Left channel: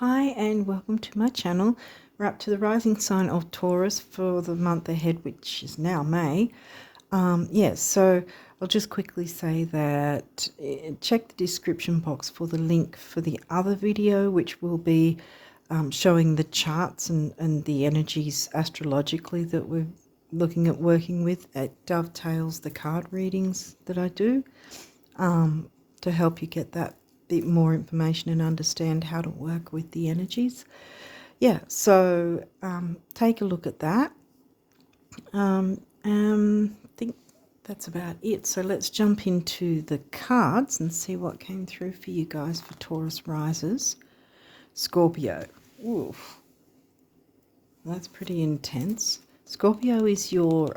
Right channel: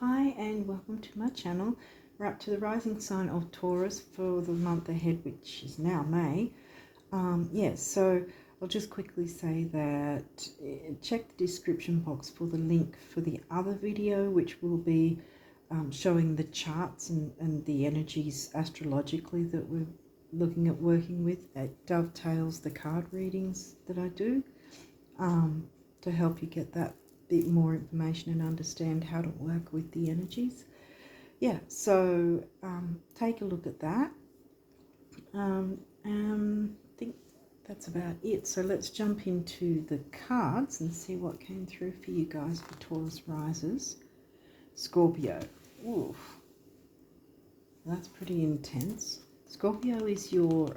Hi and welcome to my channel. We're up to the rising sign of Taurus for the month ahead, which is now May. So I'll just quickly say that check the description box for the link for the other video, which will be showing the charts and the energies astrologically that we're looking at working with. It dovetails the card readings that I do to help you get that bit more information and understand how to work with the energies. So take a look at that. I think that's about it. So let's jump into the cards and see what came through for you guys for Taurus risers. Scorpio. Oof. That's pretty intense. Scorpio is your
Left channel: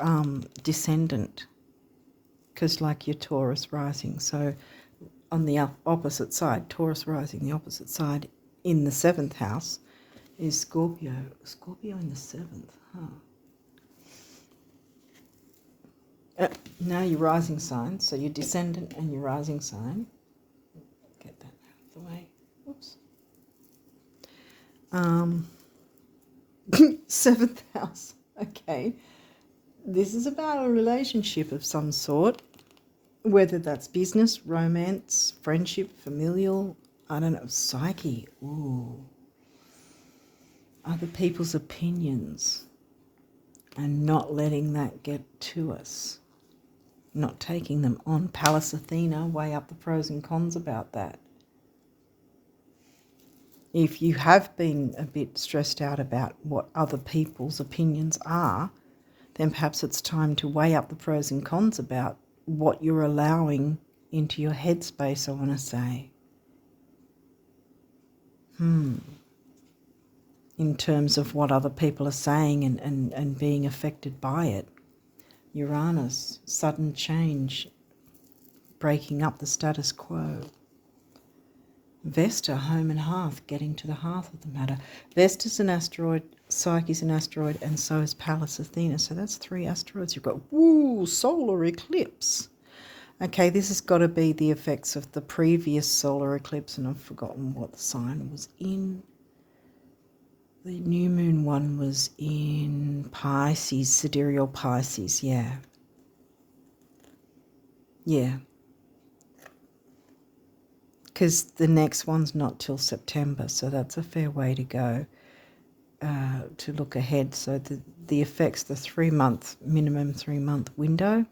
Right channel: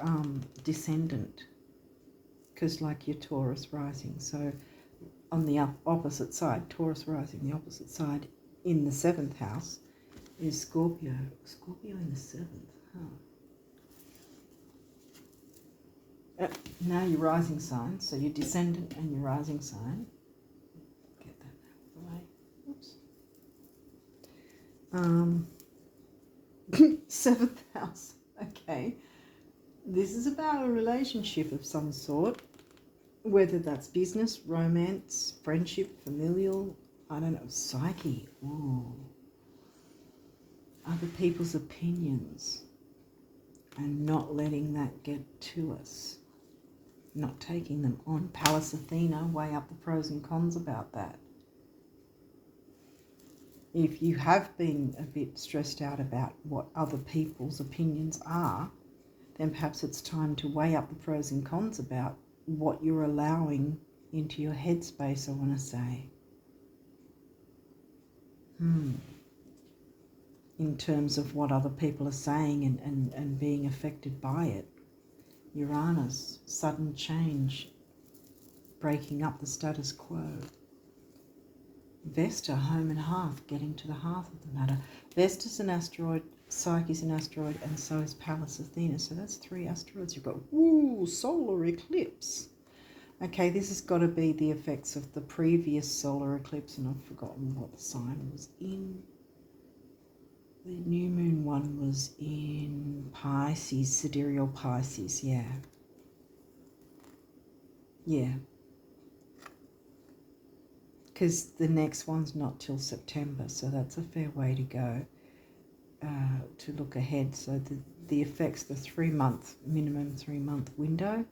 descendant, because like your Taurus rising. So on the opposite side, Taurus rising, the opposite side in the 7th house is Scorpio. Scorpio in the 7th, now your rising sign, so your descendant and your rising sign. Get that out of the way. Oops. 7th house. Okay. This is about a relationship of some sort. Whether that's business, romance, friendship, familial, I don't know, psyche. Ooh. Other people's opinions and not letting that get to us. Not taking them on. Pallas Athena, weigh up the pros and cons about that. If you have been a bit stressed out about what other people's opinions are, then perhaps it's time to weigh up the pros and cons about what you're allowing into your headspace, I want to say. In terms of what other people are saying and being affected by it. Uranus, sudden change, breaking up the status quo. Vesta, home and hearth, getting to the hearth of the matter. Vesta's an asteroid, Psyche's an asteroid, and so is Pallas Athena. So that's 3 asteroids. You've got, solar eclipse. Okay, this has got to be the effects of the previous solar eclipse, and I've forgotten what the sign was in. The new moon one was in Pisces, sidereal Pisces, yeah. Because the next one's not till September, so that's a fair way to go to look ahead. So the effects, the 3-month, minimum 3-month window,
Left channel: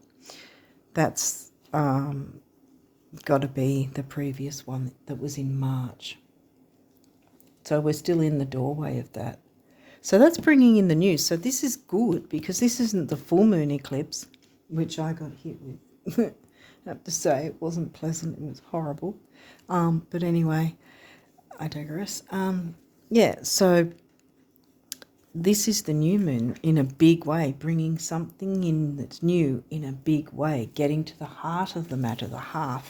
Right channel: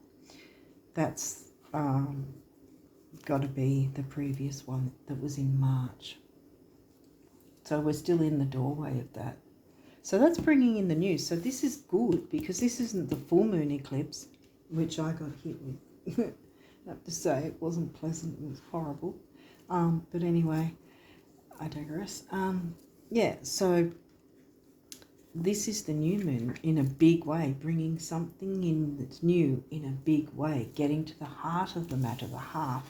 that's got to be the previous one that was in March. So we're still in the doorway of that. So that's bringing in the news. So this is good because this isn't the full moon eclipse, which I got hit with. I have to say it wasn't pleasant. It was horrible. But anyway, I digress. So this is the new moon in a big way, bringing something in that's new in a big way, getting to the heart of the matter, the heart,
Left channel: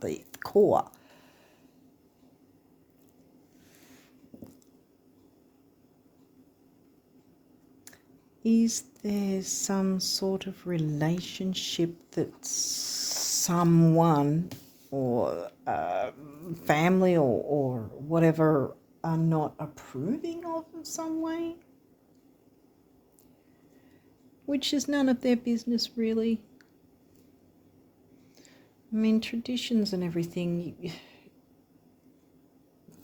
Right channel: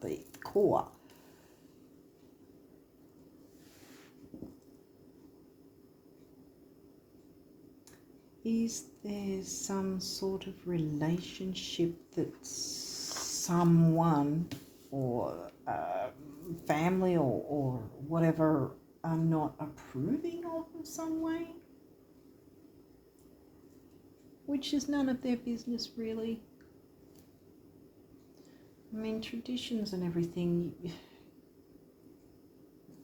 the core. Is there some sort of relationship that someone or family or whatever are not approving of in some way? Which is none of their business, really. I mean, traditions and everything,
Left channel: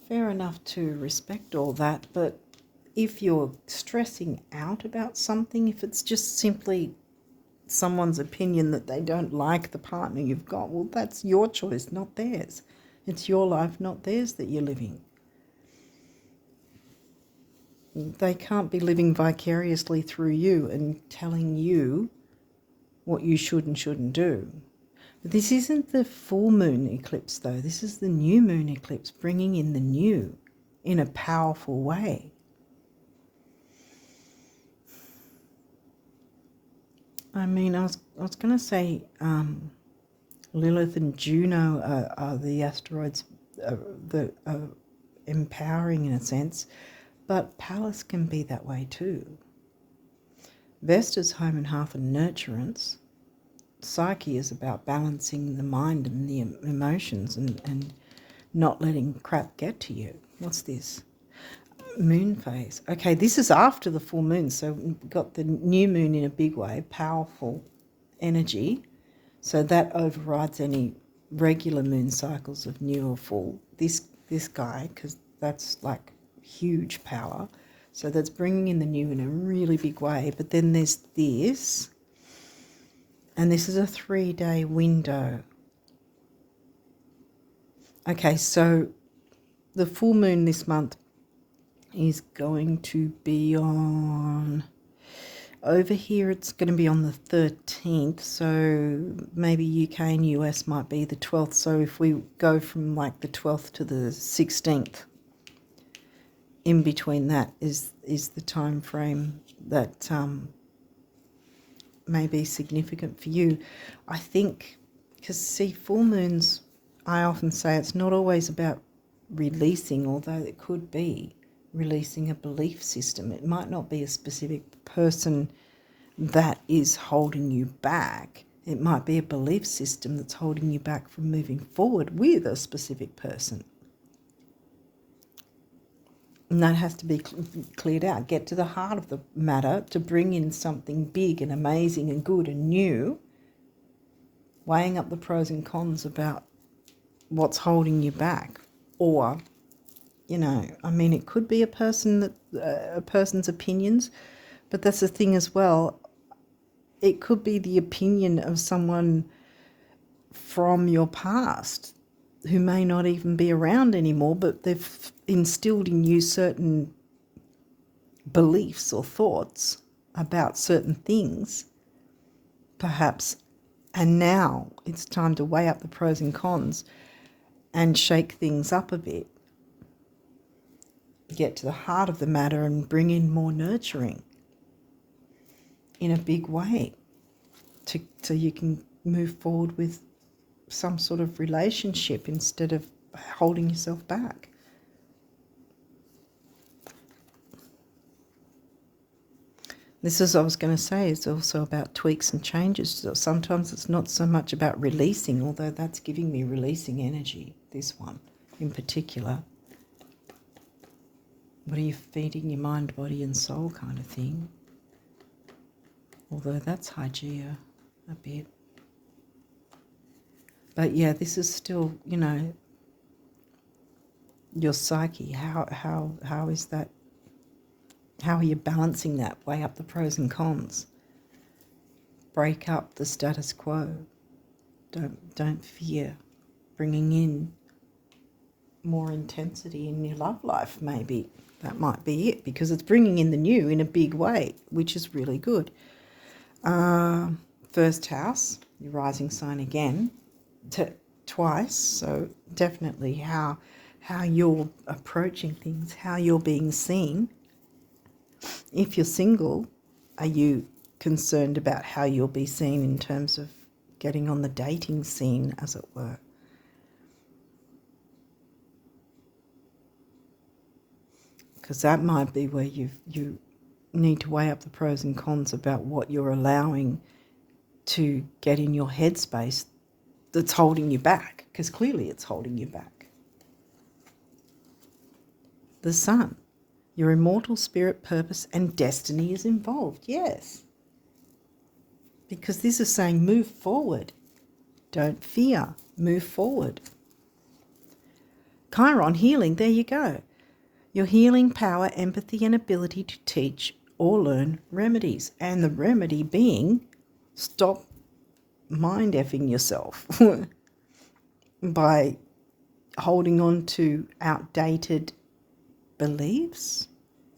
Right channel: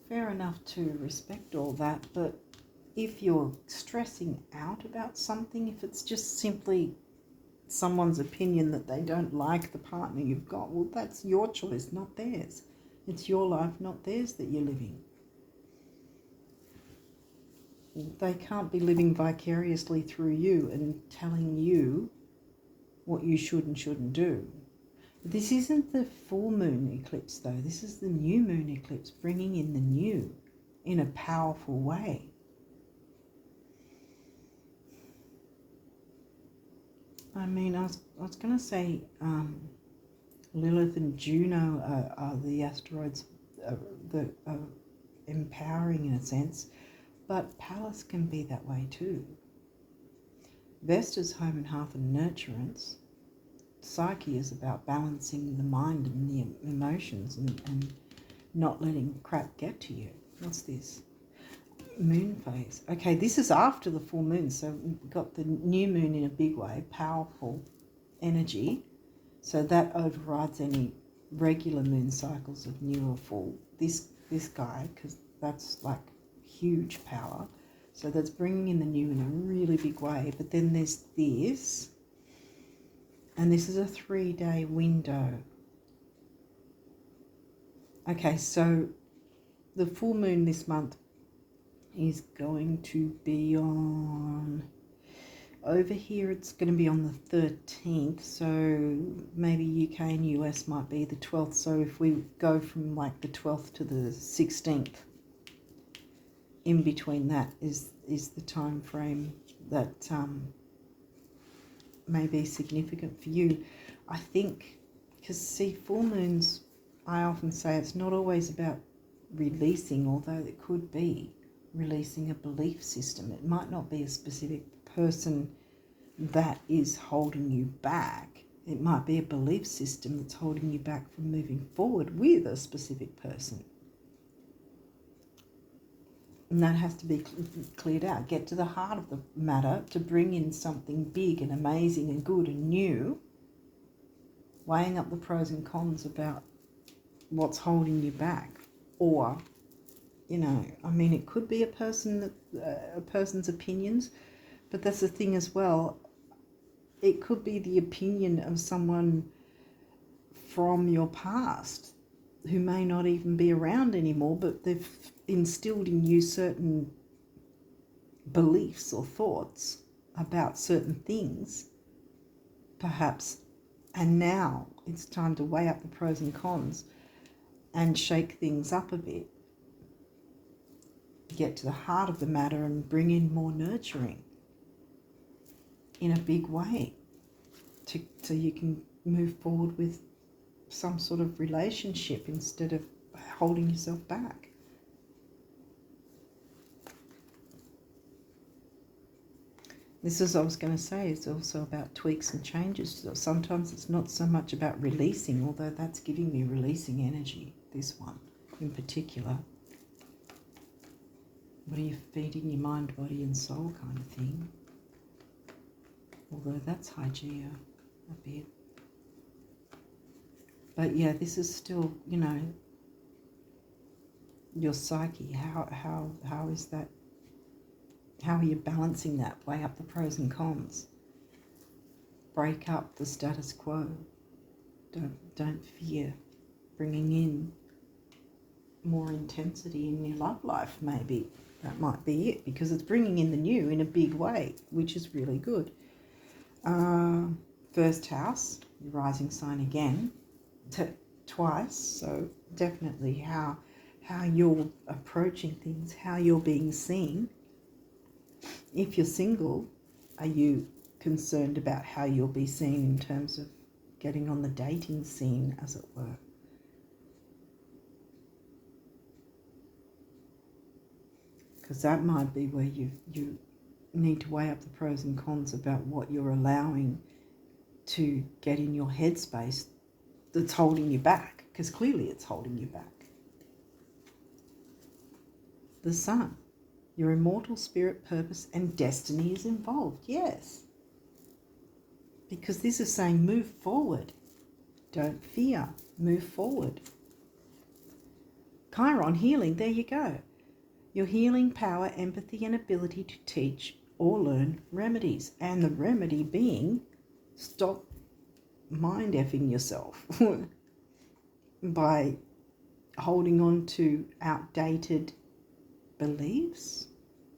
fair enough to respect all that, but if you're stressing out about something, if it's just simply someone's opinion that they don't like the partner you've got, well, that's your choice, not theirs. It's your life, not theirs, that you're living. They can't be living vicariously through you and telling you what you should and shouldn't do. But this isn't the full moon eclipse, though. This is the new moon eclipse, bringing in the new in a powerful way. I mean, I was going to say Lilith and Juno are the asteroids that are empowering in a sense, but Pallas can be that way too. Vesta's home and hearth and nurturance. Psyche is about balancing the mind and the emotions and not letting crap get to you. What's this? moon phase. Okay, this is after the full moon, so we've got the new moon in a big way, powerful energy. So that overrides any regular moon cycles of new or full. This guy, because that's like huge power. So that's bringing in the new in a really big way. But then there's this, and this is a 3-day window. Okay, so the full moon this month is going to be on, over here it's going to be on the 13th, so maybe UK and US might be the 12th. So if we go from like the 12th to the 16th, in between that is the time frame that may be significant for you. I think, because see, full moons, I often say it's not always about releasing, although it could be releasing a belief system. It might not be a specific person that is holding you back. It might be a belief system that's holding you back from moving forward with a specific person. And that has to be cleared out. Get to the heart of the matter to bring in something big and amazing and good and new, weighing up the pros and cons about what's holding you back. Or, you know, I mean, it could be a person's opinions, but that's the thing as well. It could be the opinion of someone from your past who may not even be around anymore, but they've instilled in you certain beliefs or thoughts about certain things, perhaps, and now it's time to weigh up the pros and cons and shake things up a bit, get to the heart of the matter and bring in more nurturing in a big way so you can move forward with some sort of relationship instead of holding yourself back. This is, I was going to say, it's also about tweaks and changes. So sometimes it's not so much about releasing, although that's giving me releasing energy, this one in particular. What are you feeding your mind, body and soul kind of thing? Although that's Hygeia a bit. But yeah, this is still, you know, your psyche. How is that? How are you balancing that? Weigh up the pros and cons. Break up the status quo. Don't fear. Bringing in more intensity in your love life, maybe. That might be it, because it's bringing in the new in a big way, which is really good. First house, your rising sign again. Twice, so definitely how you're approaching things, how you're being seen. If you're single, are you concerned about how you'll be seen in terms of getting on the dating scene, as it were? Because that might be where you need to weigh up the pros and cons about what you're allowing to get in your headspace that's holding you back, because clearly it's holding you back. The sun, your immortal spirit, purpose and destiny is involved, yes. Because this is saying move forward. Don't fear, move forward. Chiron, healing, there you go. Your healing power, empathy and ability to teach or learn remedies. And the remedy being, stop mind effing yourself by holding on to outdated beliefs.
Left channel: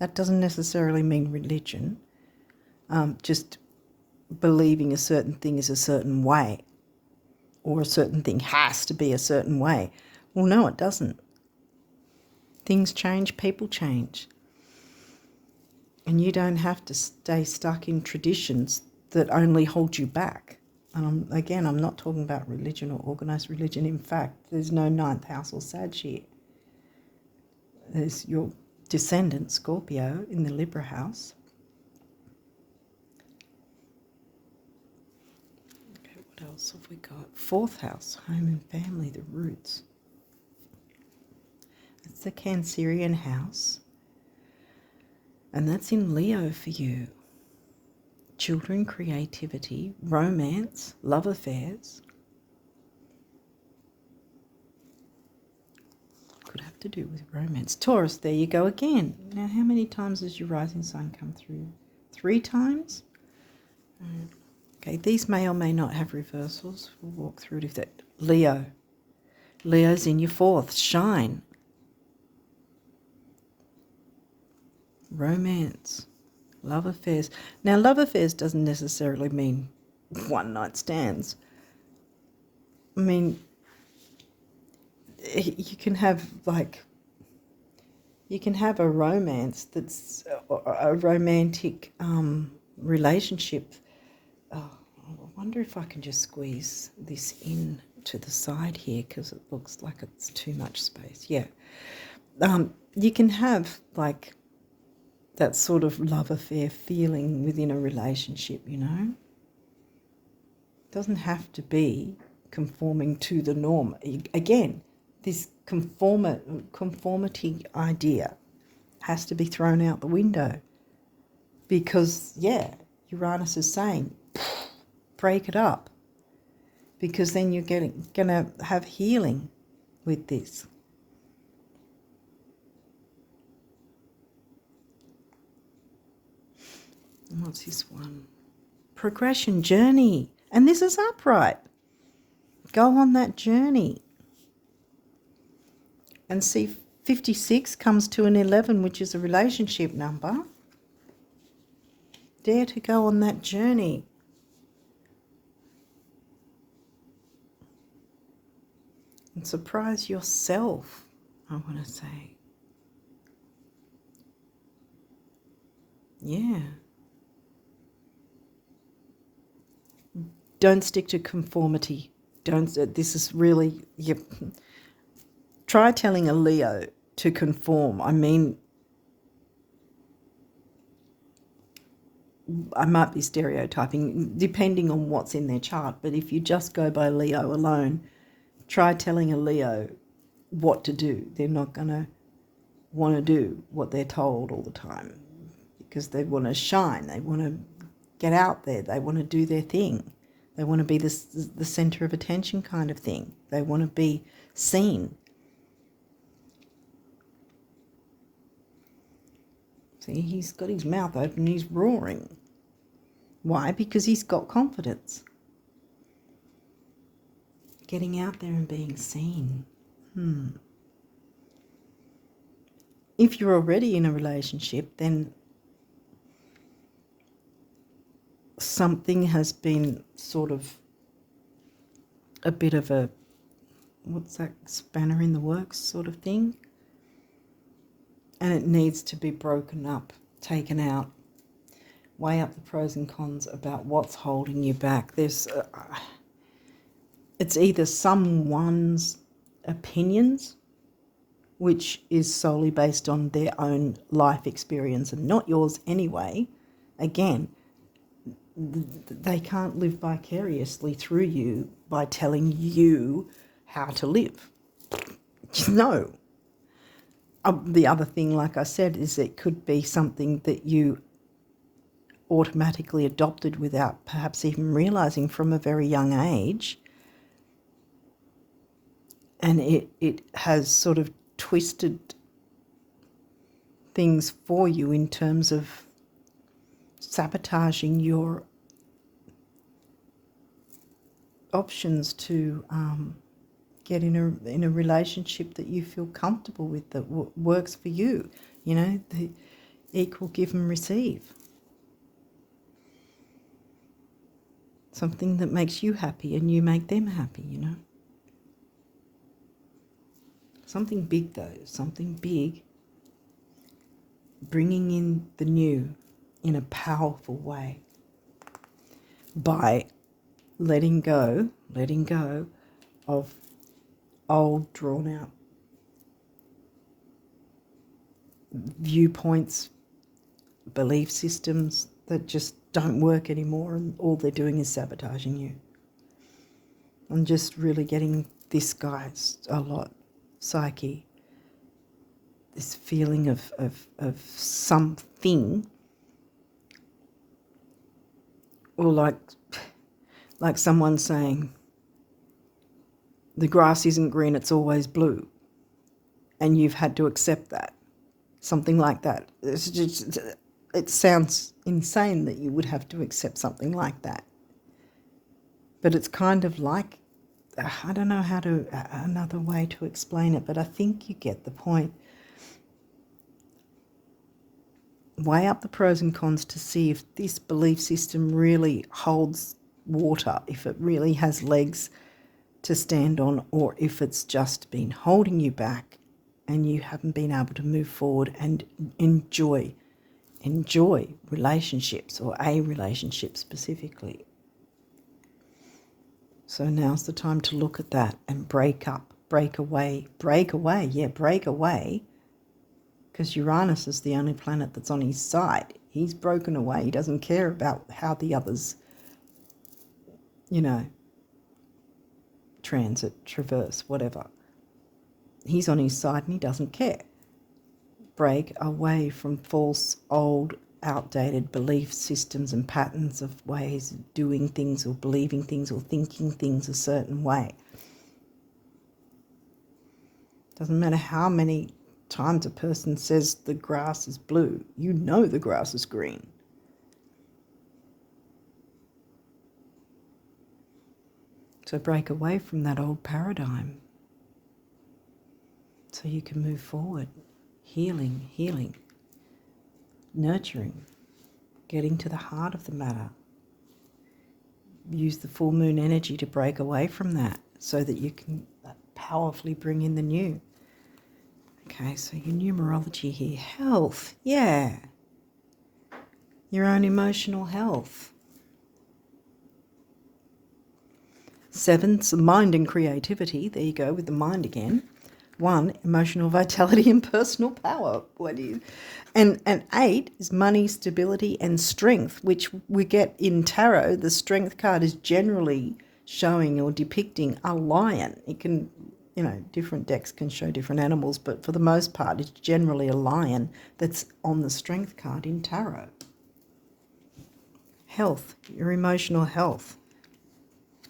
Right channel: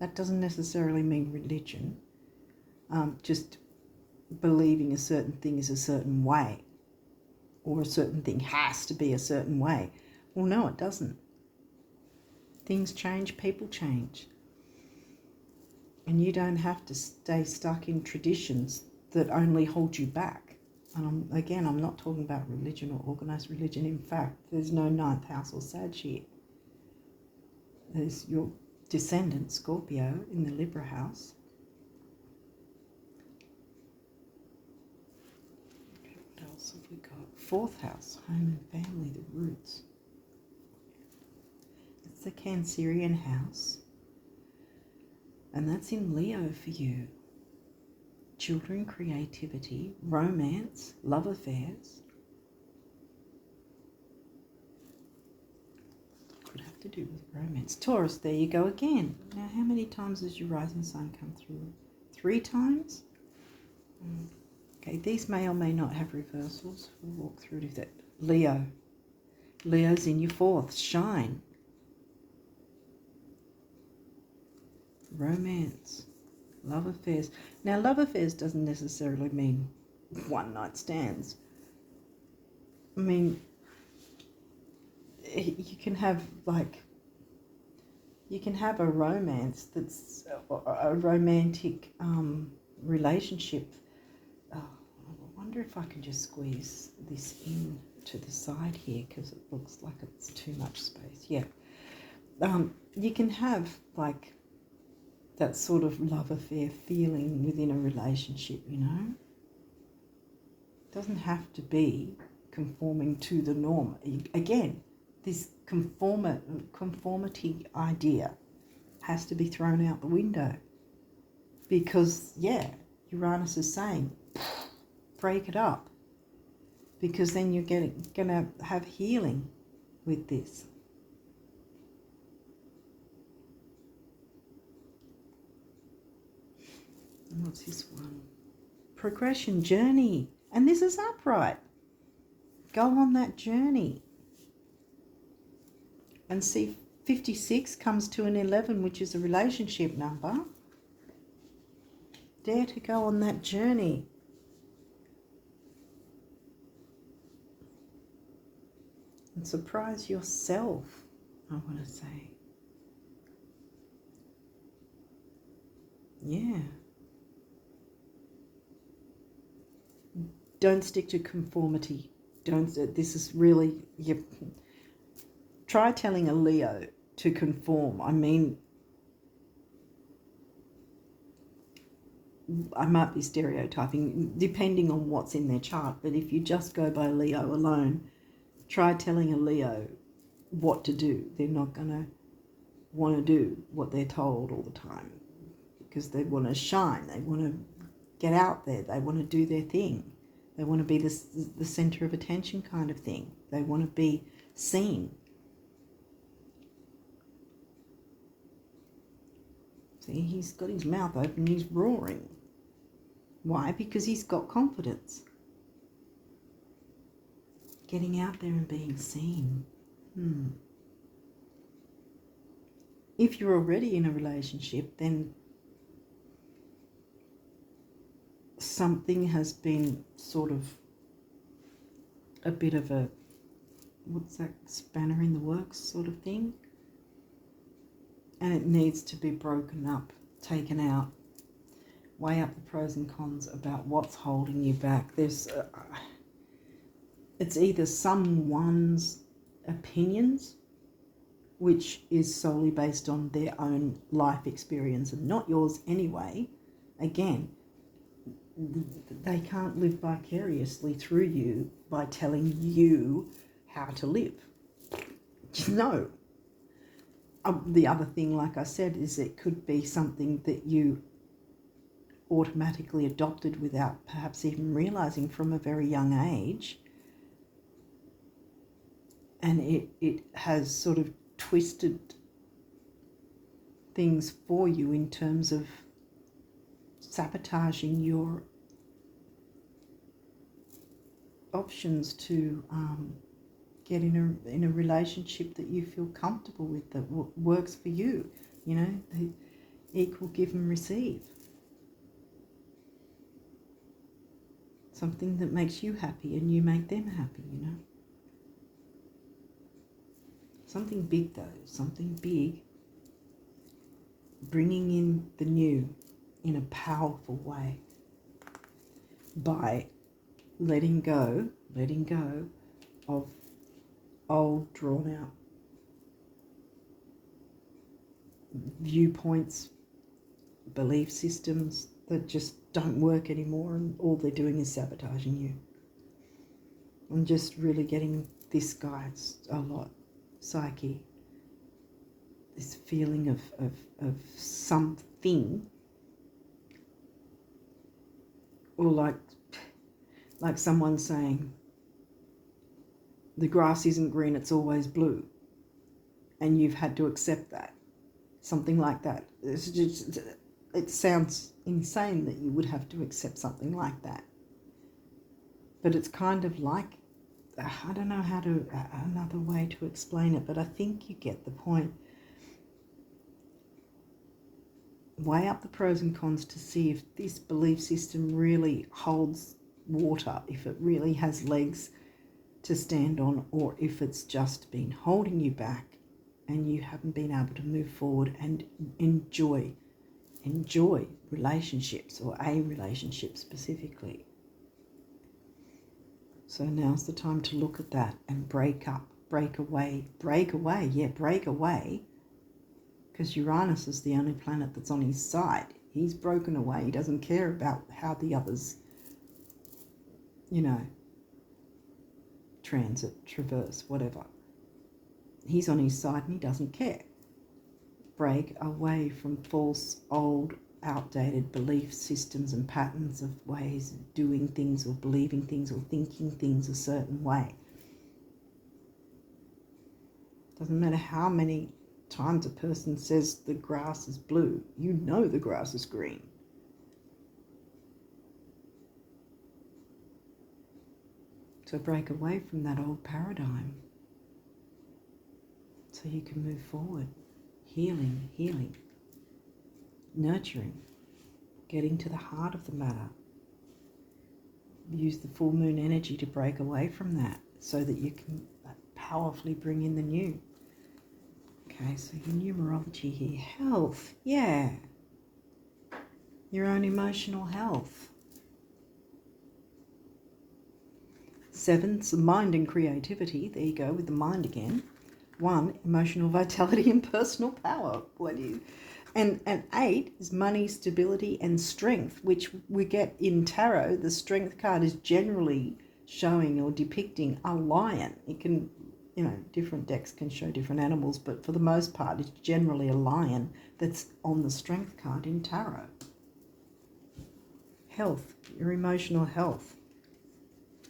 That doesn't necessarily mean religion. Just believing a certain thing is a certain way, or a certain thing has to be a certain way. Well, no, it doesn't. Things change, people change. And you don't have to stay stuck in traditions that only hold you back. Again, I'm not talking about religion or organised religion. In fact, there's no ninth house or Sag here. There's your descendant, Scorpio, in the Libra house. Okay, what else have we got? Fourth house, home and family, the roots. It's the Cancerian house. And that's in Leo for you. Children, creativity, romance, love affairs. Could have to do with romance. Taurus, there you go again. Now, how many times has your rising sign come through? 3 times? Okay, these may or may not have reversals. We'll walk through it if that. Leo. Leo's in your 4th. Shine. Romance. Love affairs. Now, love affairs doesn't necessarily mean one night stands. I mean, you can have a romance that's a romantic relationship. Oh, I wonder if I can just squeeze this in to the side here because it looks like it's too much space. Yeah. You can have like that sort of love affair feeling within a relationship, you know. It doesn't have to be conforming to the norm. Again, this conformity idea has to be thrown out the window because, yeah, Uranus is saying, break it up, because then you're going to have healing with this. And what's this one? Progression, journey. And this is upright. Go on that journey. And see, 56 comes to an 11, which is a relationship number. Dare to go on that journey. And surprise yourself, I want to say. Yeah. Don't stick to conformity. This is really, try telling a Leo to conform. I mean, I might be stereotyping depending on what's in their chart, but if you just go by Leo alone, try telling a Leo what to do. They're not going to want to do what they're told all the time because they want to shine. They want to get out there. They want to do their thing. They want to be the center of attention kind of thing. They want to be seen. See, he's got his mouth open, he's roaring. Why? Because he's got confidence. Getting out there and being seen. If you're already in a relationship, then something has been sort of a bit of a, what's that, spanner in the works sort of thing. And it needs to be broken up, taken out. Weigh up the pros and cons about what's holding you back. It's either someone's opinions, which is solely based on their own life experience and not yours anyway. Again, they can't live vicariously through you by telling you how to live. No. The other thing, like I said, is it could be something that you automatically adopted without perhaps even realizing from a very young age. And it has sort of twisted things for you in terms of sabotaging your options to get in a relationship that you feel comfortable with, that works for you. You know, the equal give and receive. Something that makes you happy and you make them happy, you know. Something big though, something big, bringing in the new in a powerful way by letting go of old, drawn out viewpoints, belief systems that just don't work anymore, and all they're doing is sabotaging you. I'm just really getting this, guys, a lot. Psyche. this feeling of something, or like someone saying, the grass isn't green, it's always blue. And you've had to accept that. Something like that. It sounds insane that you would have to accept something like that. But it's kind of like, I don't know another way to explain it, but I think you get the point. Weigh up the pros and cons to see if this belief system really holds water, if it really has legs to stand on, or if it's just been holding you back and you haven't been able to move forward and enjoy relationships, or a relationship specifically. So now's the time to look at that and break away, because Uranus is the only planet that's on his side. He's broken away. He doesn't care about how the others, transit, traverse, whatever. He's on his side and he doesn't care. Break away from false, old, outdated belief systems and patterns of ways of doing things, or believing things, or thinking things a certain way. Doesn't matter how many times a person says the grass is blue, you know the grass is green. So break away from that old paradigm so you can move forward. Healing, nurturing, getting to the heart of the matter. Use the full moon energy to break away from that so that you can powerfully bring in the new. Okay, so your numerology here. Health, yeah. Your own emotional health. 7's mind and creativity. There you go with the mind again. 1, emotional vitality and personal power. And 8 is money, stability, and strength, which we get in tarot. The strength card is generally showing or depicting a lion. It can, different decks can show different animals, but for the most part, it's generally a lion that's on the strength card in tarot. Health, your emotional health.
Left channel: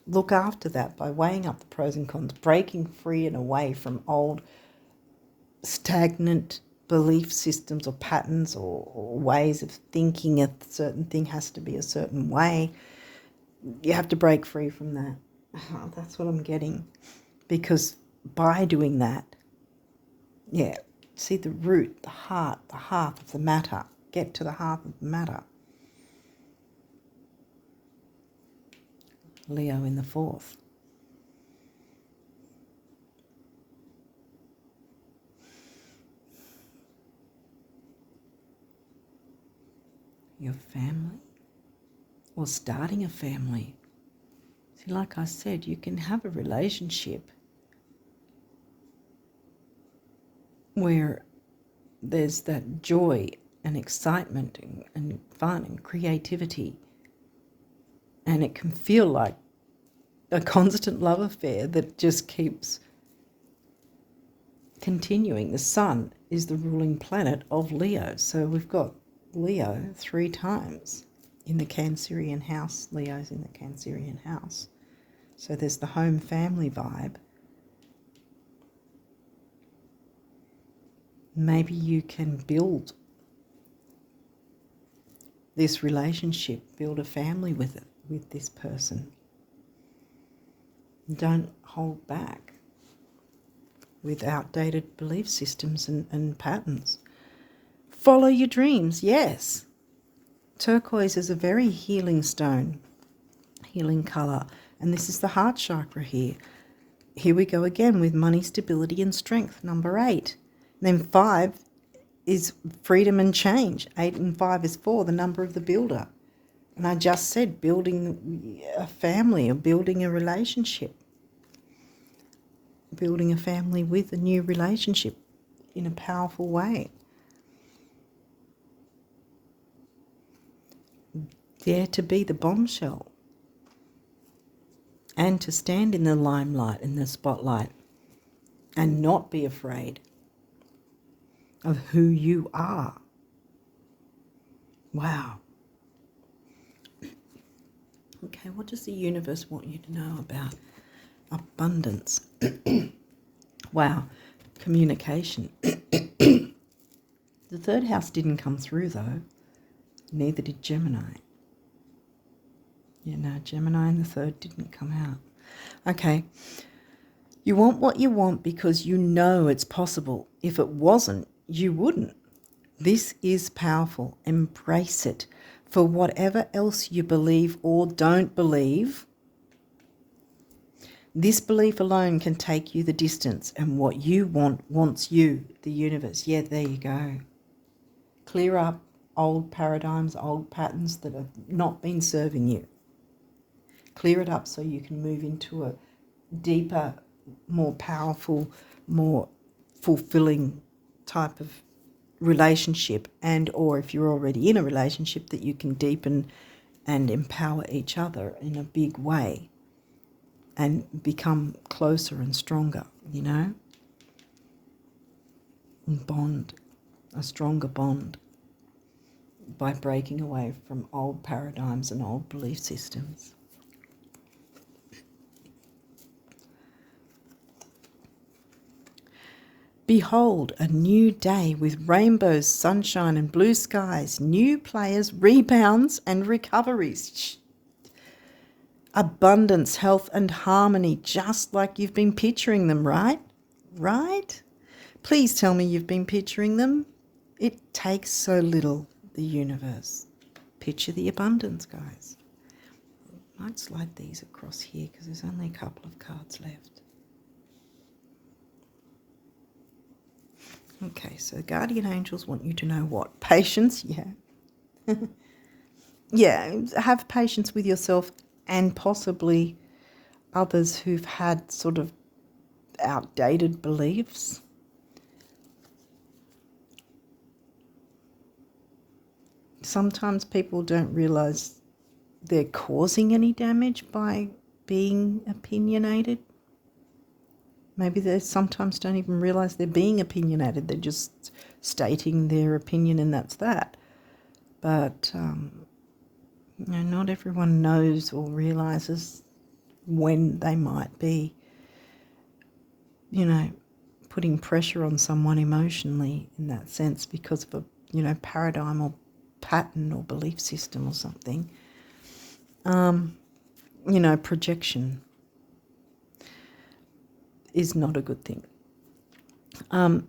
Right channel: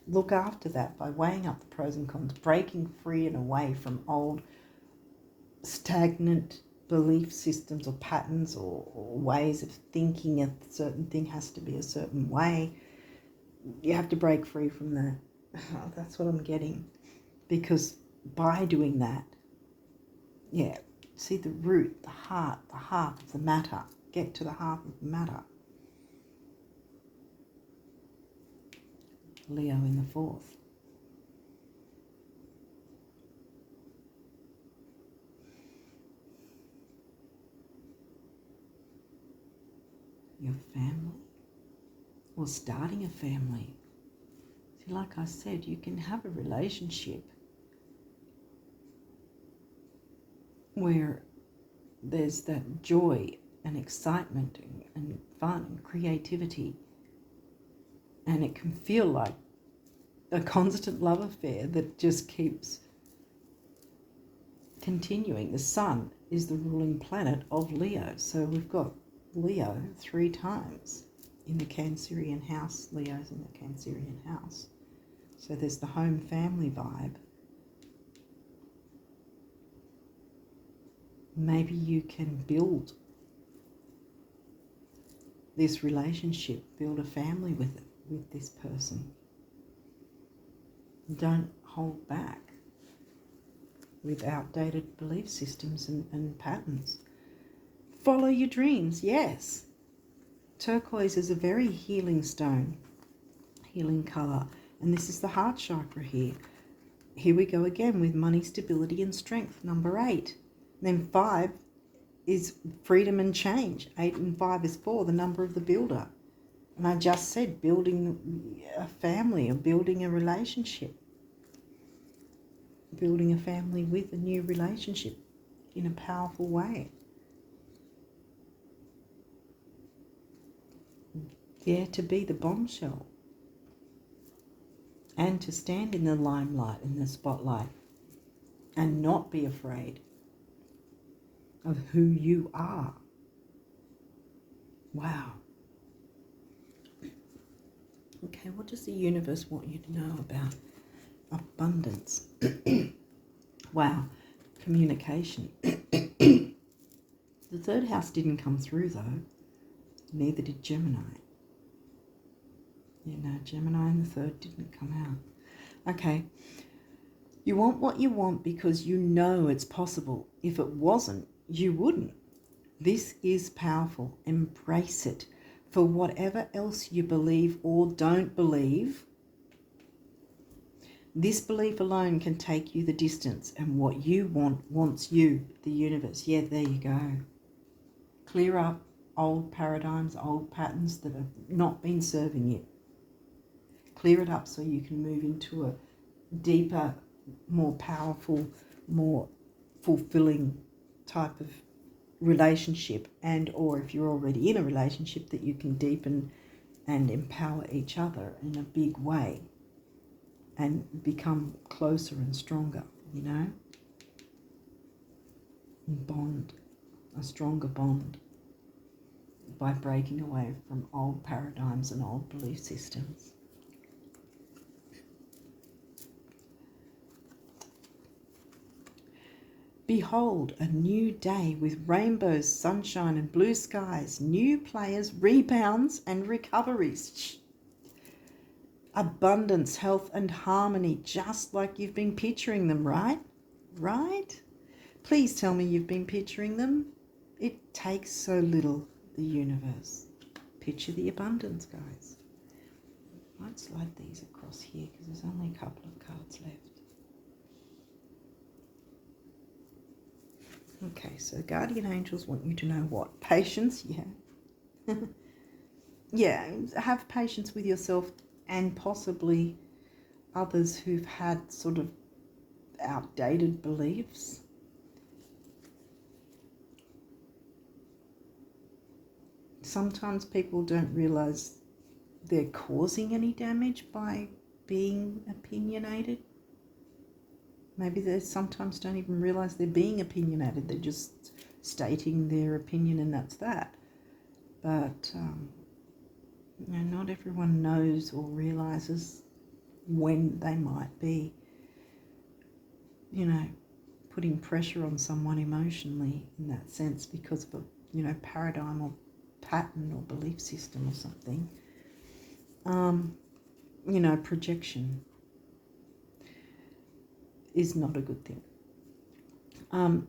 Look after that by weighing up the pros and cons, breaking free and away from old stagnant belief systems or patterns or ways of thinking a certain thing has to be a certain way. You have to break free from that. Oh, that's what I'm getting. Because by doing that, see the root, the heart of the matter. Get to the heart of the matter. Leo in the 4th. Your family, or starting a family. See, like I said, you can have a relationship where there's that joy and excitement and fun and creativity. And it can feel like a constant love affair that just keeps continuing. The sun is the ruling planet of Leo. So we've got Leo 3 times in the Cancerian house. Leo's in the Cancerian house. So there's the home family vibe. Maybe you can build this relationship, build a family with this person. Don't hold back with outdated belief systems and patterns. Follow your dreams, yes. Turquoise is a very healing stone, healing colour, and this is the heart chakra here. Here we go again with money, stability and strength, number 8. Then 5 is freedom and change. 8 and 5 is 4, the number of the builder. And I just said building a family or building a relationship. Building a family with a new relationship in a powerful way. Dare to be the bombshell. And to stand in the limelight, in the spotlight. And not be afraid. of who you are. Wow. Okay, what does the universe want you to know about abundance? Wow. Communication. The third house didn't come through, though. Neither did Gemini. Yeah, no, Gemini and the third didn't come out. Okay. You want what you want because you know it's possible. If it wasn't, you wouldn't. This is powerful. Embrace it. For whatever else you believe or don't believe, this belief alone can take you the distance, and what you want wants you, the universe. Yeah, there you go. Clear up old paradigms, old patterns that have not been serving you. Clear it up so you can move into a deeper, more powerful, more fulfilling type of relationship, and or if you're already in a relationship, that you can deepen and empower each other in a big way and become closer and stronger, you know, and bond, a stronger bond by breaking away from old paradigms and old belief systems. Behold, a new day with rainbows, sunshine and blue skies, new players, rebounds and recoveries. Abundance, health and harmony, just like you've been picturing them, right? Right? Please tell me you've been picturing them. It takes so little, the universe. Picture the abundance, guys. I might slide these across here because there's only a couple of cards left. Okay, so guardian angels want you to know what? Patience, yeah. Yeah, have patience with yourself and possibly others who've had sort of outdated beliefs. Sometimes people don't realize they're causing any damage by being opinionated. Maybe they sometimes don't even realize they're being opinionated. They're just stating their opinion and that's that. But you know, not everyone knows or realizes when they might be, you know, putting pressure on someone emotionally in that sense because of a, you know, paradigm or pattern or belief system or something. You know, projection is not a good thing.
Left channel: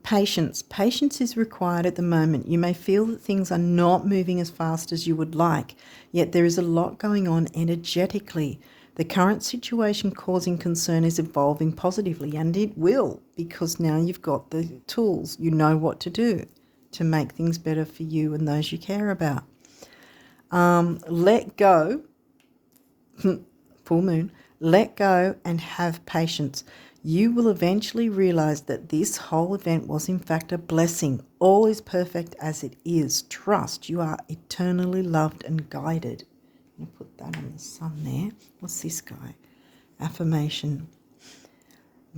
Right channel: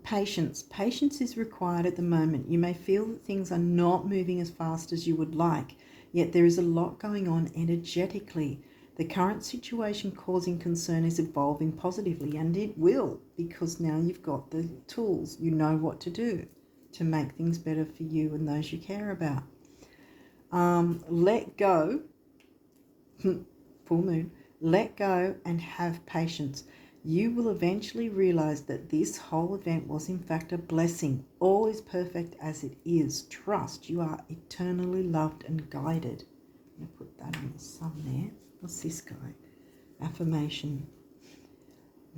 Patience. Patience is required at the moment. You may feel that things are not moving as fast as you would like, yet there is a lot going on energetically. The current situation causing concern is evolving positively, and it will, because now you've got the tools. You know what to do to make things better for you and those you care about. Let go. Full moon. Let go and have patience. You will eventually realize that this whole event was in fact a blessing. All is perfect as it is. Trust you are eternally loved and guided. I'm going to put that on the sun there. What's this guy? Affirmation.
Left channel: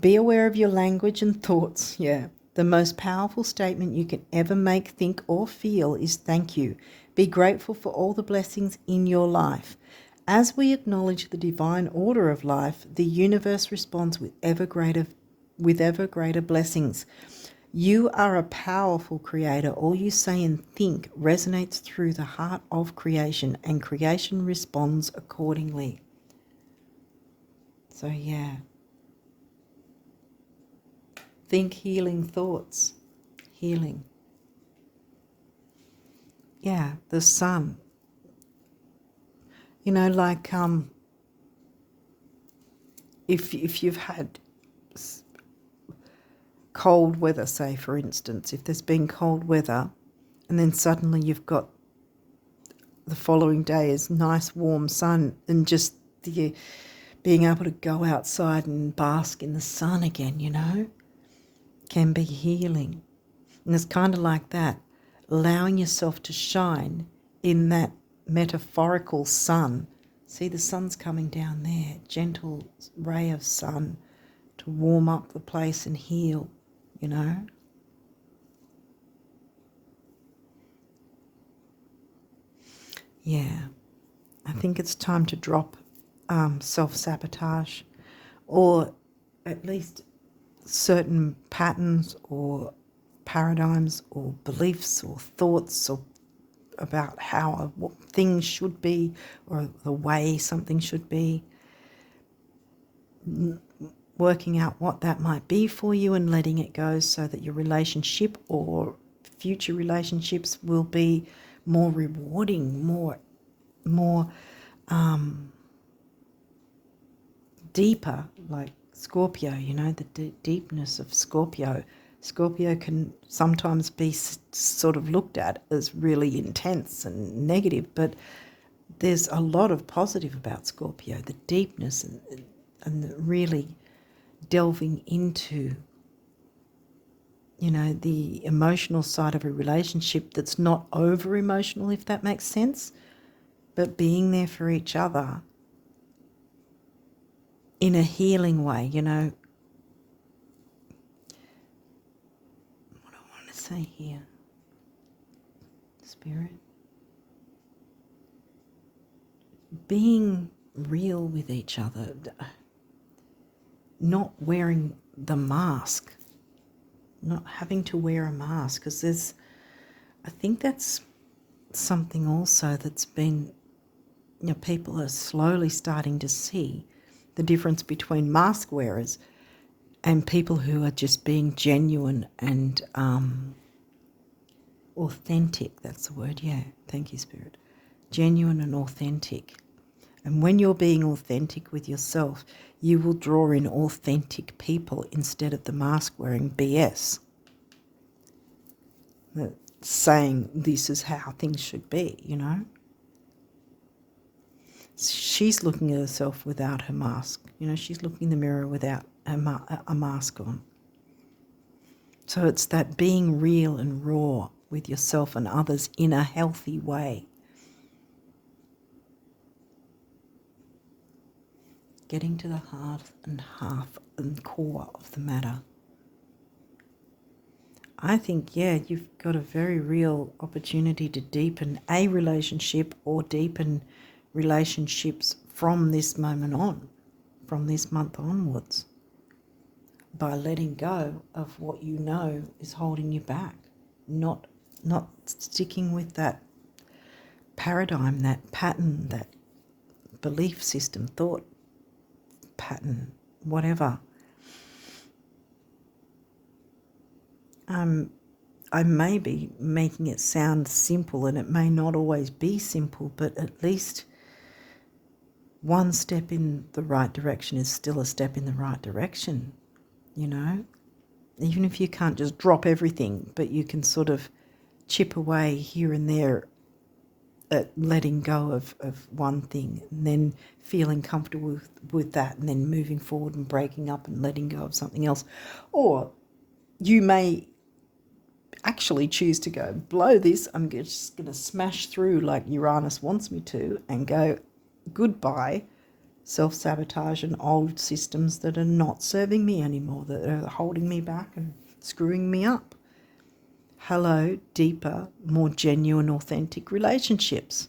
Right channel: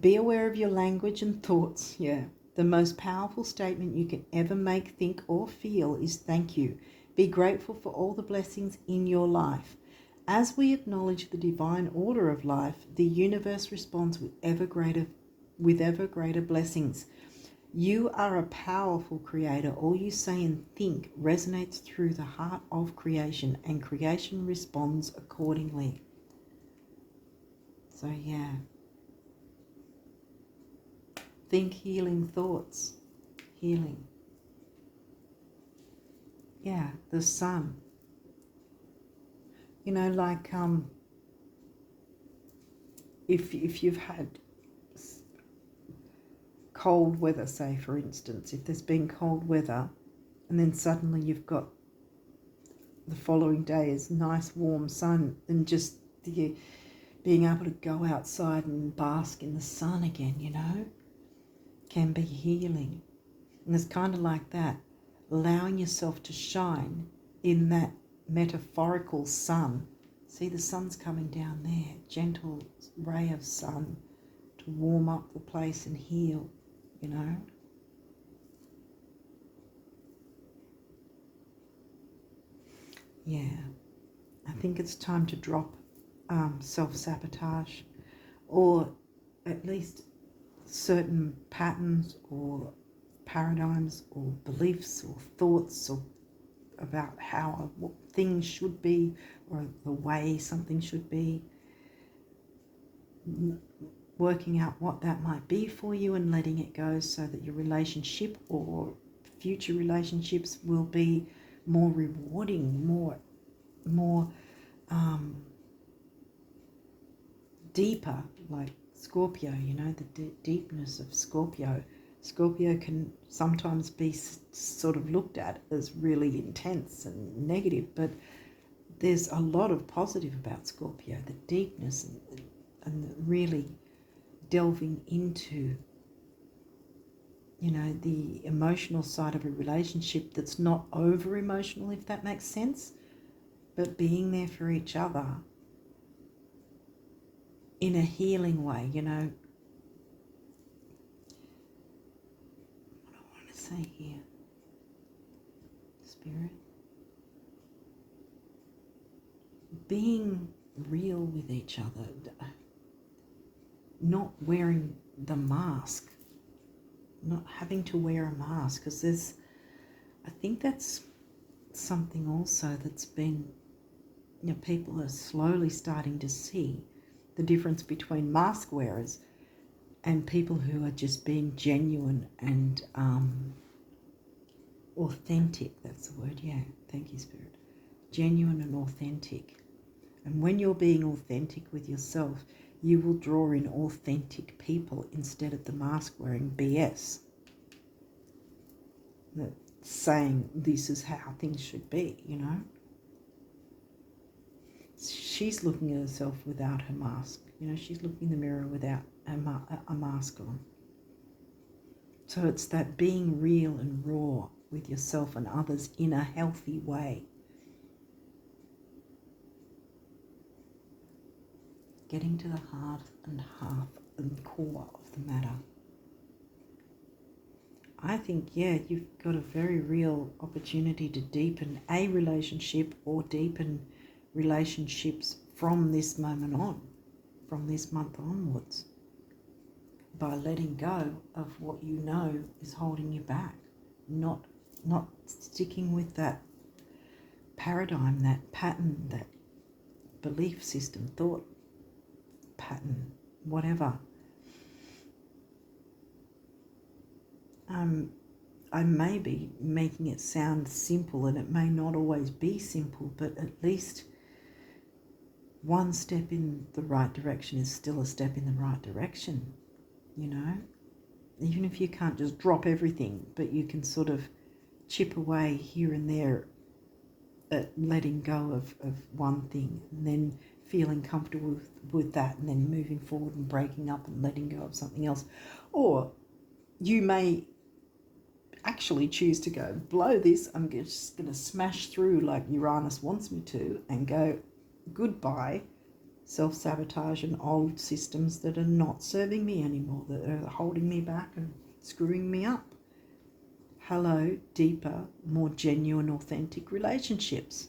Be aware of your language and thoughts. Yeah. The most powerful statement you can ever make, think, or feel is thank you. Be grateful for all the blessings in your life. As we acknowledge the divine order of life, the universe responds with ever greater blessings. You are a powerful creator. All you say and think resonates through the heart of creation, and creation responds accordingly. So yeah. Think healing thoughts. Healing. Yeah, the sun. You know, like if you've had cold weather, say for instance, if there's been cold weather and then suddenly you've got the following day is nice warm sun, and just the being able to go outside and bask in the sun again, you know, can be healing. And it's kind of like that, allowing yourself to shine in that metaphorical sun. See, the sun's coming down there, gentle ray of sun to warm up the place and heal, you know. Yeah, I think it's time to drop self-sabotage, or at least certain patterns or paradigms or beliefs or thoughts or about how what things should be or the way something should be, working out what that might be for you and letting it go so that your relationship or future relationships will be more rewarding, more deeper, like Scorpio, you know, the deepness of Scorpio. Scorpio can sometimes be sort of looked at as really intense and negative, but there's a lot of positive about Scorpio, the deepness and the really delving into, you know, the emotional side of a relationship that's not over emotional, if that makes sense, but being there for each other in a healing way, you know. What do I want to say here? Spirit. Being real with each other, not wearing the mask, not having to wear a mask, because I think that's something also that's been, you know, people are slowly starting to see the difference between mask wearers and people who are just being genuine and authentic. That's the word, yeah. Thank you, Spirit. Genuine and authentic. And when you're being authentic with yourself, you will draw in authentic people instead of the mask-wearing BS. Saying this is how things should be, you know. She's looking at herself without her mask. You know, she's looking in the mirror without a mask on. So it's that being real and raw with yourself and others in a healthy way. Getting to the heart and core of the matter. I think, yeah, you've got a very real opportunity to deepen a relationship or deepen relationships from this moment on, from this month onwards, by letting go of what you know is holding you back, not sticking with that paradigm, that pattern, that belief system, thought pattern, whatever. I may be making it sound simple, and it may not always be simple, but at least one step in the right direction is still a step in the right direction, you know? Even if you can't just drop everything, but you can sort of chip away here and there at letting go of one thing and then feeling comfortable with that and then moving forward and breaking up and letting go of something else. Or you may actually choose to go, blow this, I'm just going to smash through like Uranus wants me to, and go, goodbye, self-sabotage and old systems that are not serving me anymore, that are holding me back and screwing me up. Hello, deeper, more genuine, authentic relationships.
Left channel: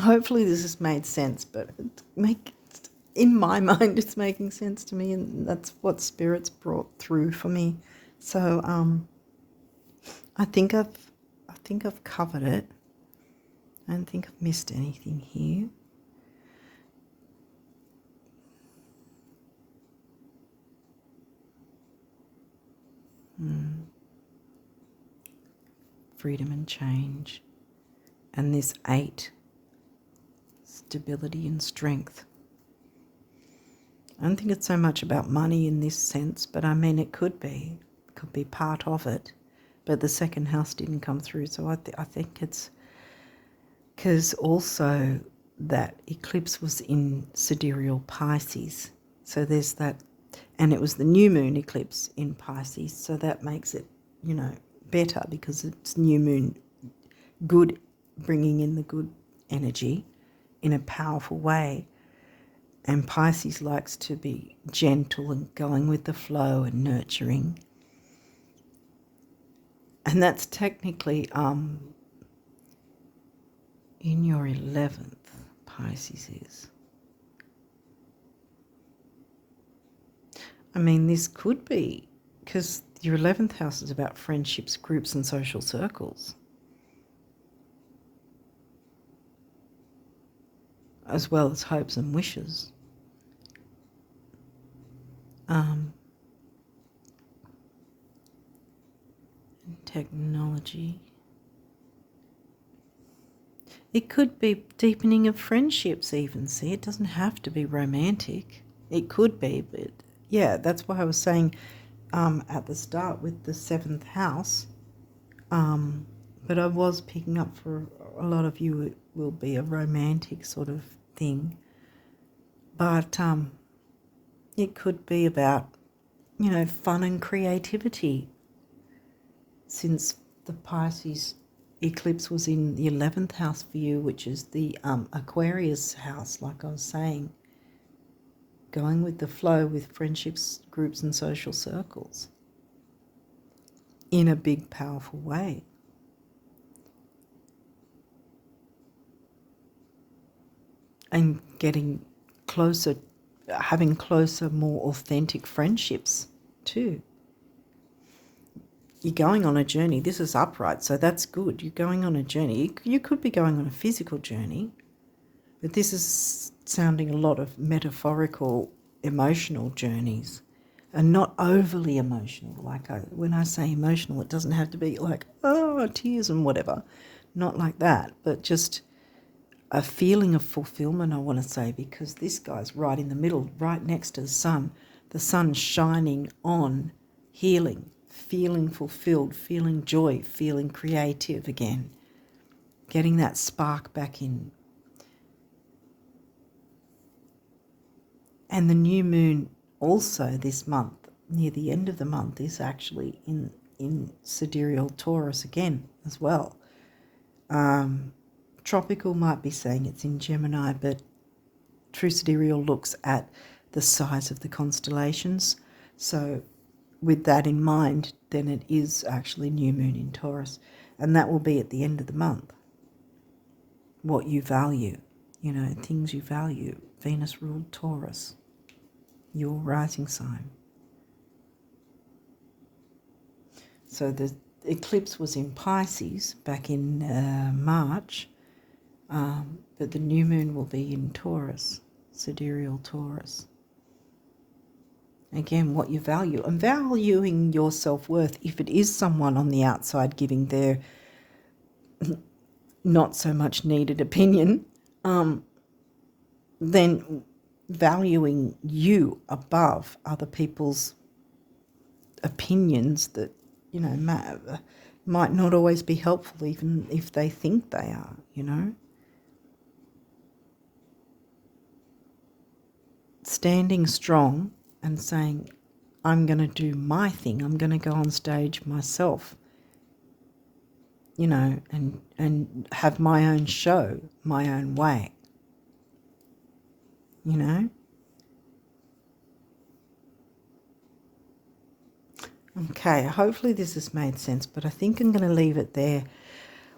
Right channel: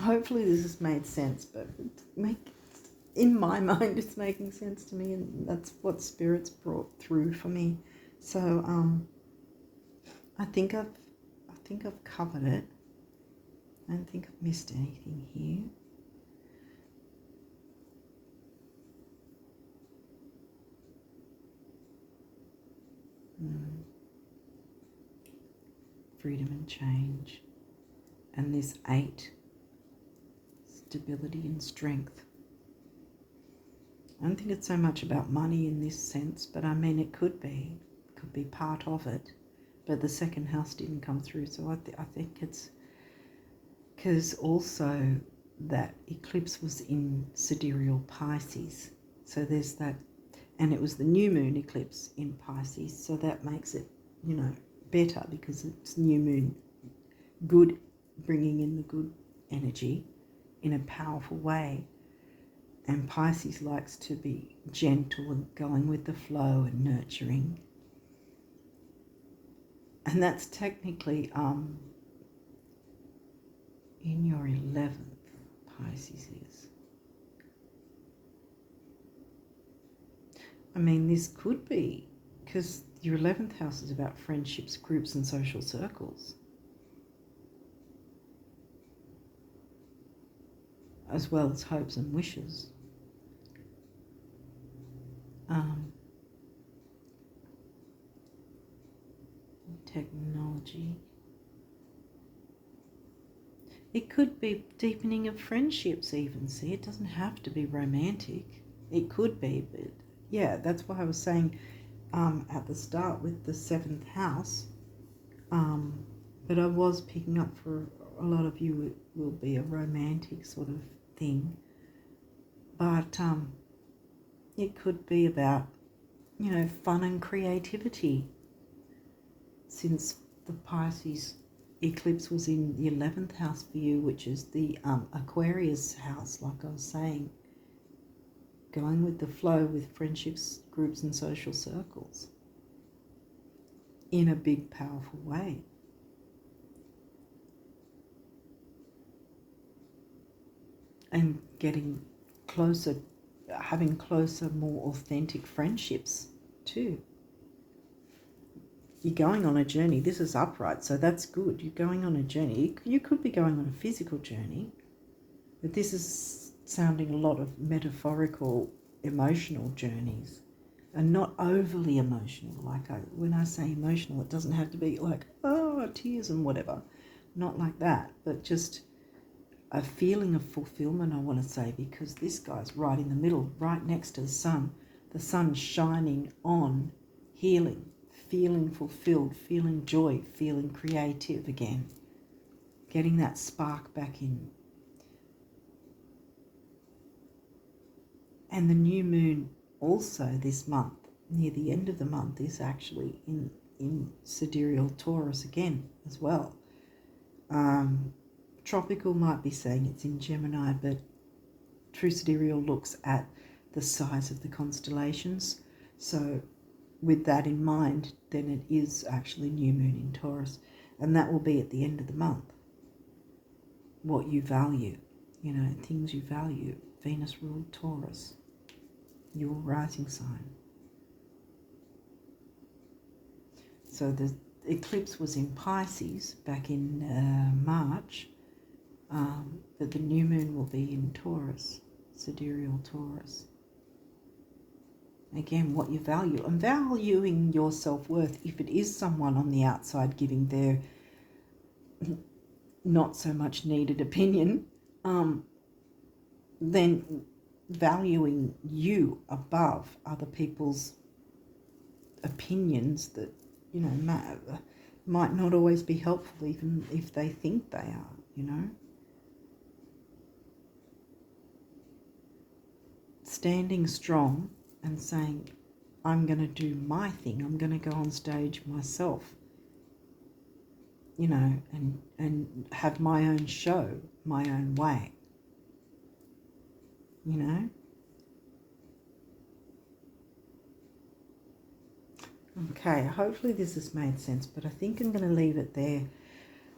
Hopefully this has made sense, but in my mind it's making sense to me, and that's what Spirit's brought through for me. So I think I've covered it. I don't think I've missed anything here. Freedom and change. And this 8, stability and strength. I don't think it's so much about money in this sense, but I mean it could be part of it. But the second house didn't come through, so I think it's because also that eclipse was in sidereal Pisces. So there's that, and it was the new moon eclipse in Pisces, so that makes it, you know, better because it's new moon, good, bringing in the good energy in a powerful way. And Pisces likes to be gentle and going with the flow and nurturing. And that's technically in your 11th, Pisces is. I mean, this could be, because your 11th house is about friendships, groups, and social circles, as well as hopes and wishes. Technology. It could be deepening of friendships even, see? It doesn't have to be romantic. It could be, but yeah, that's why I was saying at the start with the 7th house. But I was picking up for a lot of you it will be a romantic sort of thing. But it could be about, fun and creativity. Since the Pisces eclipse was in the 11th house for you, which is the Aquarius house, like I was saying, going with the flow with friendships, groups, and social circles in a big, powerful way. And getting closer, having closer, more authentic friendships too. You're going on a journey. This is upright, so that's good. You're going on a journey. You could be going on a physical journey, but this is sounding a lot of metaphorical, emotional journeys, and not overly emotional. Like when I say emotional, it doesn't have to be like, oh, tears and whatever. Not like that, but just a feeling of fulfillment, I want to say, because this guy's right in the middle, right next to the sun shining on healing, feeling fulfilled, feeling joy, feeling creative again, getting that spark back in. And the new moon also this month, near the end of the month, is actually in sidereal Taurus again as well. Tropical might be saying it's in Gemini, but True Sidereal looks at the size of the constellations. So with that in mind, then it is actually new moon in Taurus. And that will be at the end of the month. What you value, things you value. Venus ruled Taurus, your rising sign. So the eclipse was in Pisces back in March. But the new moon will be in Taurus, sidereal Taurus. Again, what you value, and valuing your self-worth. If it is someone on the outside giving their not so much needed opinion, then valuing you above other people's opinions that, might not always be helpful, even if they think they are, Standing strong and saying, I'm going to do my thing. I'm going to go on stage myself, and have my own show, my own way, Okay, hopefully this has made sense, but I think I'm going to leave it there.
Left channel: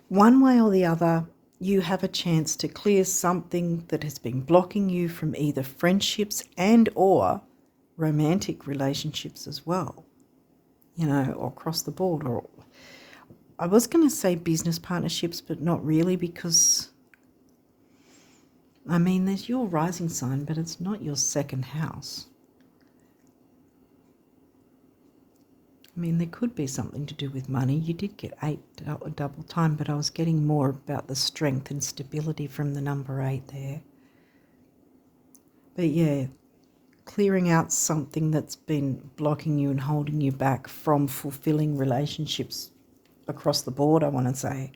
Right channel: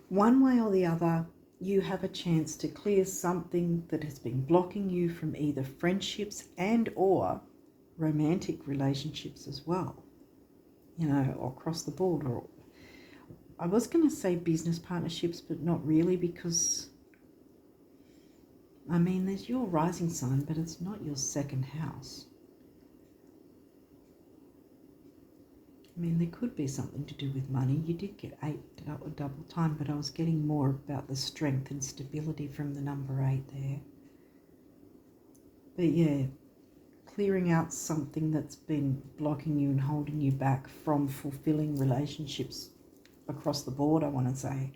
One way or the other, you have a chance to clear something that has been blocking you from either friendships and or romantic relationships as well, or across the board. Or I was going to say business partnerships, but not really, because, there's your rising sign, but it's not your second house. There could be something to do with money. You did get 8 double time, but I was getting more about the strength and stability from the number 8 there. But yeah, clearing out something that's been blocking you and holding you back from fulfilling relationships across the board, I want to say,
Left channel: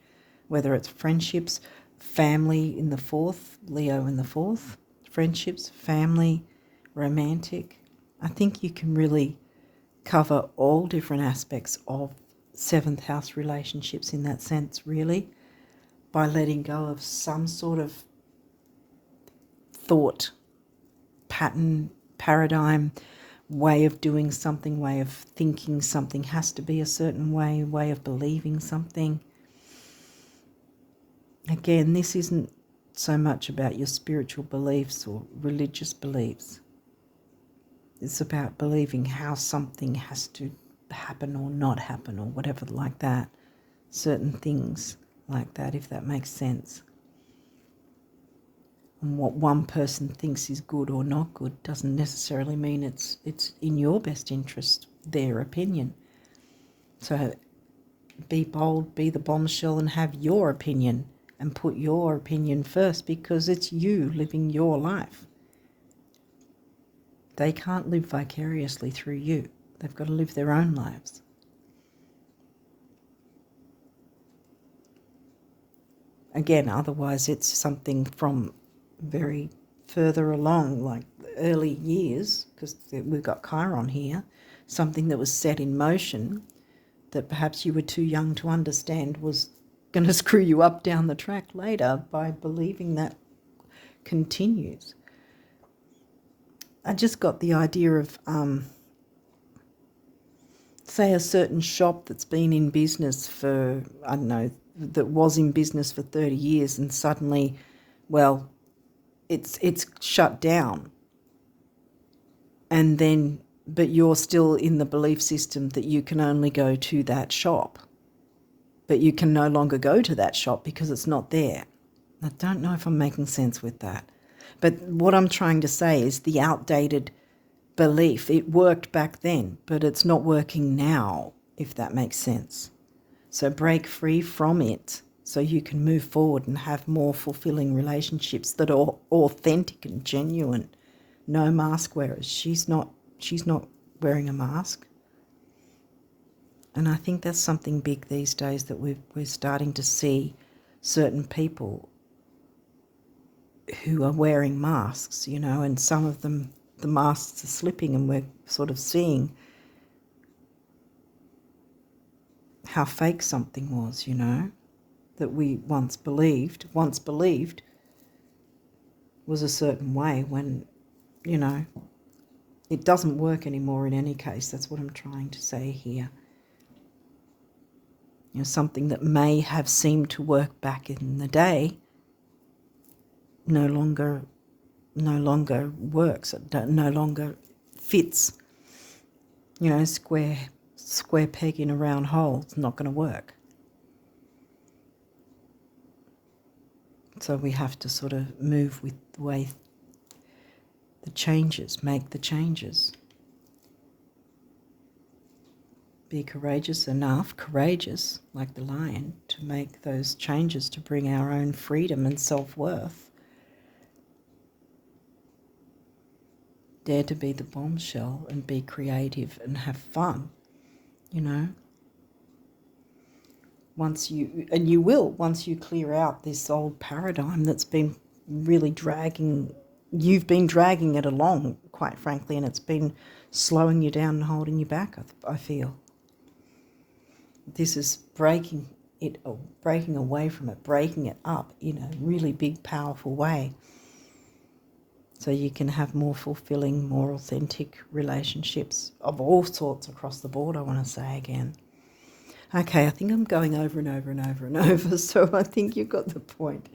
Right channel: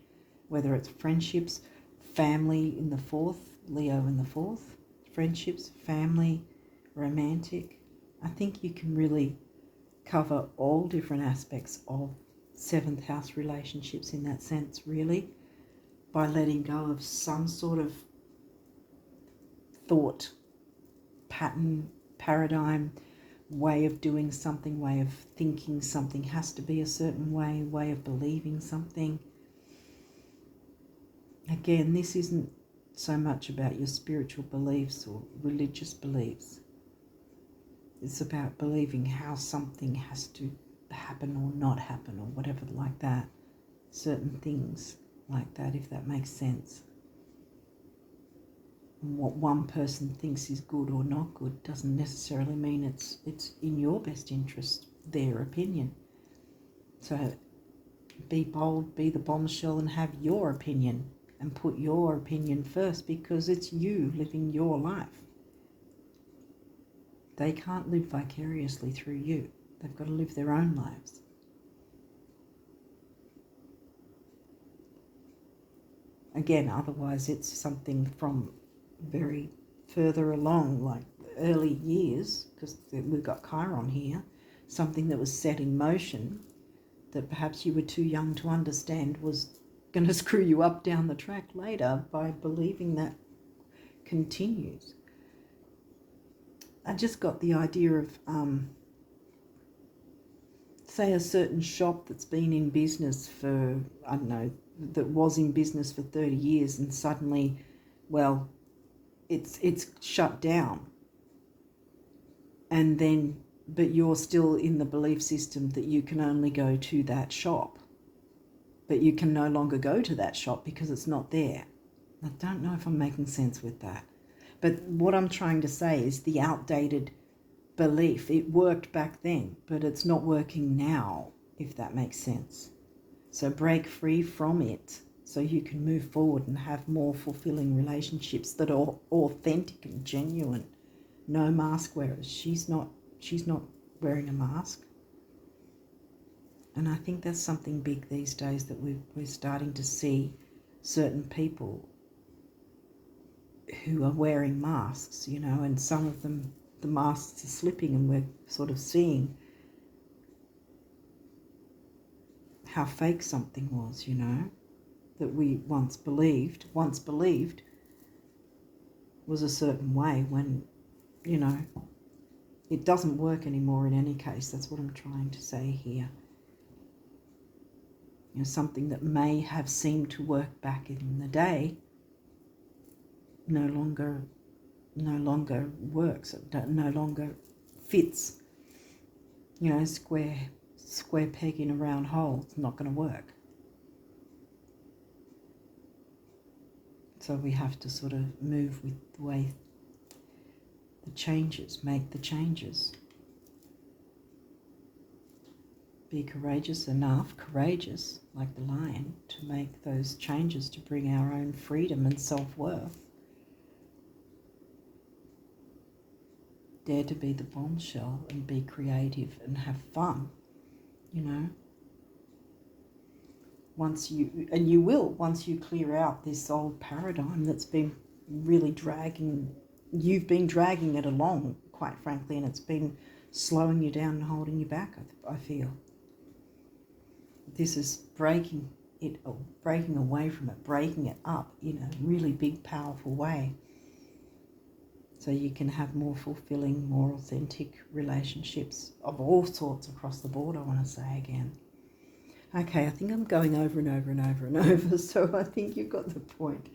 whether it's friendships, family in the 4th, Leo in the 4th, friendships, family, romantic. I think you can really cover all different aspects of 7th house relationships in that sense, really, by letting go of some sort of thought pattern, paradigm, way of doing something, way of thinking something has to be a certain way of believing something. Again, this isn't so much about your spiritual beliefs or religious beliefs. It's about believing how something has to happen or not happen or whatever like that. Certain things like that, if that makes sense. And what one person thinks is good or not good doesn't necessarily mean it's in your best interest, their opinion. So be bold, be the bombshell, and have your opinion, and put your opinion first, because it's you living your life. They can't live vicariously through you. They've got to live their own lives. Again, otherwise it's something from very further along, like early years, because we've got Chiron here, something that was set in motion that perhaps you were too young to understand was going to screw you up down the track later by believing that continues. I just got the idea of, say, a certain shop that's been in business for, I don't know, that was in business for 30 years and suddenly, well, it's shut down. And then, but you're still in the belief system that you can only go to that shop. But you can no longer go to that shop because it's not there. I don't know if I'm making sense with that. But what I'm trying to say is the outdated belief, it worked back then, but it's not working now, if that makes sense. So break free from it so you can move forward and have more fulfilling relationships that are authentic and genuine. No mask wearers. She's not wearing a mask. And I think that's something big these days, that we're starting to see certain people who are wearing masks, you know, and some of them, the masks are slipping, and we're sort of seeing how fake something was, you know, that we once believed was a certain way, when, you know, it doesn't work anymore in any case. That's what I'm trying to say here. You know, something that may have seemed to work back in the day no longer works. It no longer fits. You know, square peg in a round hole. It's not going to work. So we have to sort of move with the way the changes, make the changes. Be courageous enough, courageous like the lion, to make those changes, to bring our own freedom and self-worth. Dare to be the bombshell and be creative and have fun, you know. Once you clear out this old paradigm that's been really you've been dragging it along, quite frankly, and it's been slowing you down and holding you back, I feel. This is breaking away from it, breaking it up in a really big, powerful way, so you can have more fulfilling, more authentic relationships of all sorts across the board, I want to say again. Okay, I think I'm going over and over and over and over, so I think you've got the point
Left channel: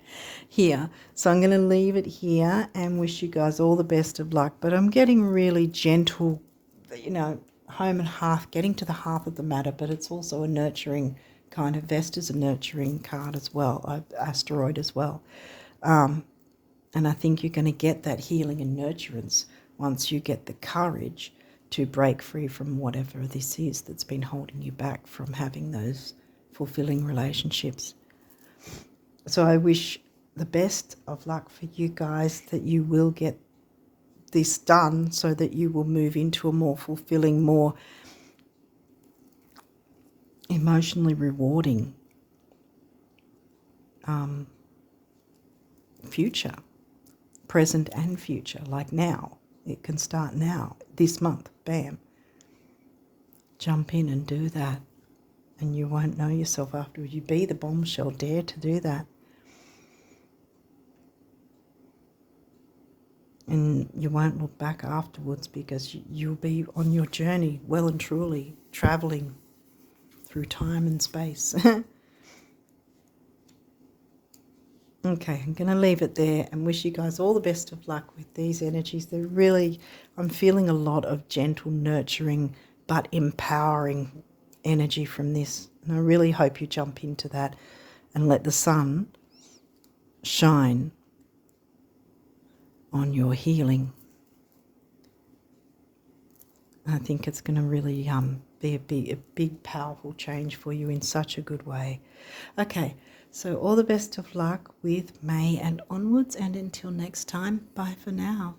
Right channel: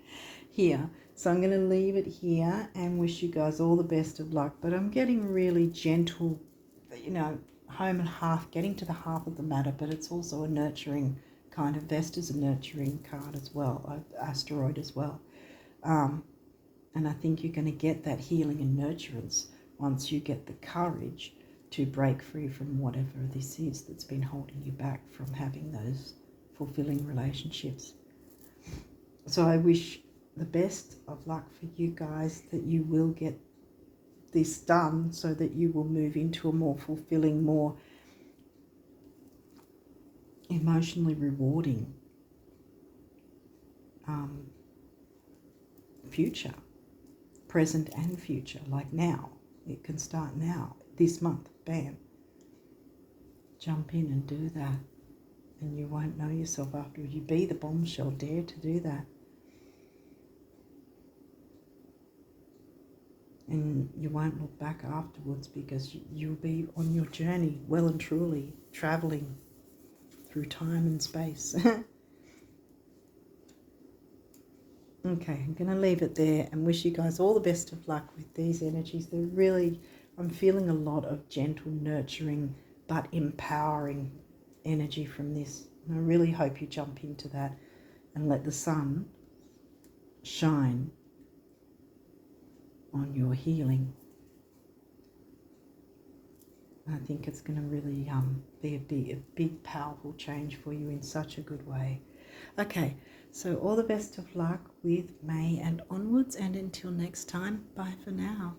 here. So I'm going to leave it here and wish you guys all the best of luck. But I'm getting really gentle, you know, home and hearth, getting to the heart of the matter, but it's also a nurturing kind of, Vesta's a nurturing card as well, asteroid as well. And I think you're going to get that healing and nurturance once you get the courage to break free from whatever this is that's been holding you back from having those fulfilling relationships. So I wish the best of luck for you guys, that you will get this done so that you will move into a more fulfilling, more emotionally rewarding future, present and future, like now. It can start now, this month, bam. Jump in and do that, and you won't know yourself afterwards. You be the bombshell, dare to do that. and you won't look back afterwards, because you'll be on your journey well and truly, traveling through time and space. Okay, I'm going to leave it there and wish you guys all the best of luck with these energies. They're really, I'm feeling a lot of gentle, nurturing, but empowering energy from this. And I really hope you jump into that and let the sun shine on your healing. I think it's going to really be a big, powerful change for you in such a good way. Okay, so all the best of luck with May and onwards, and until next time, bye for now.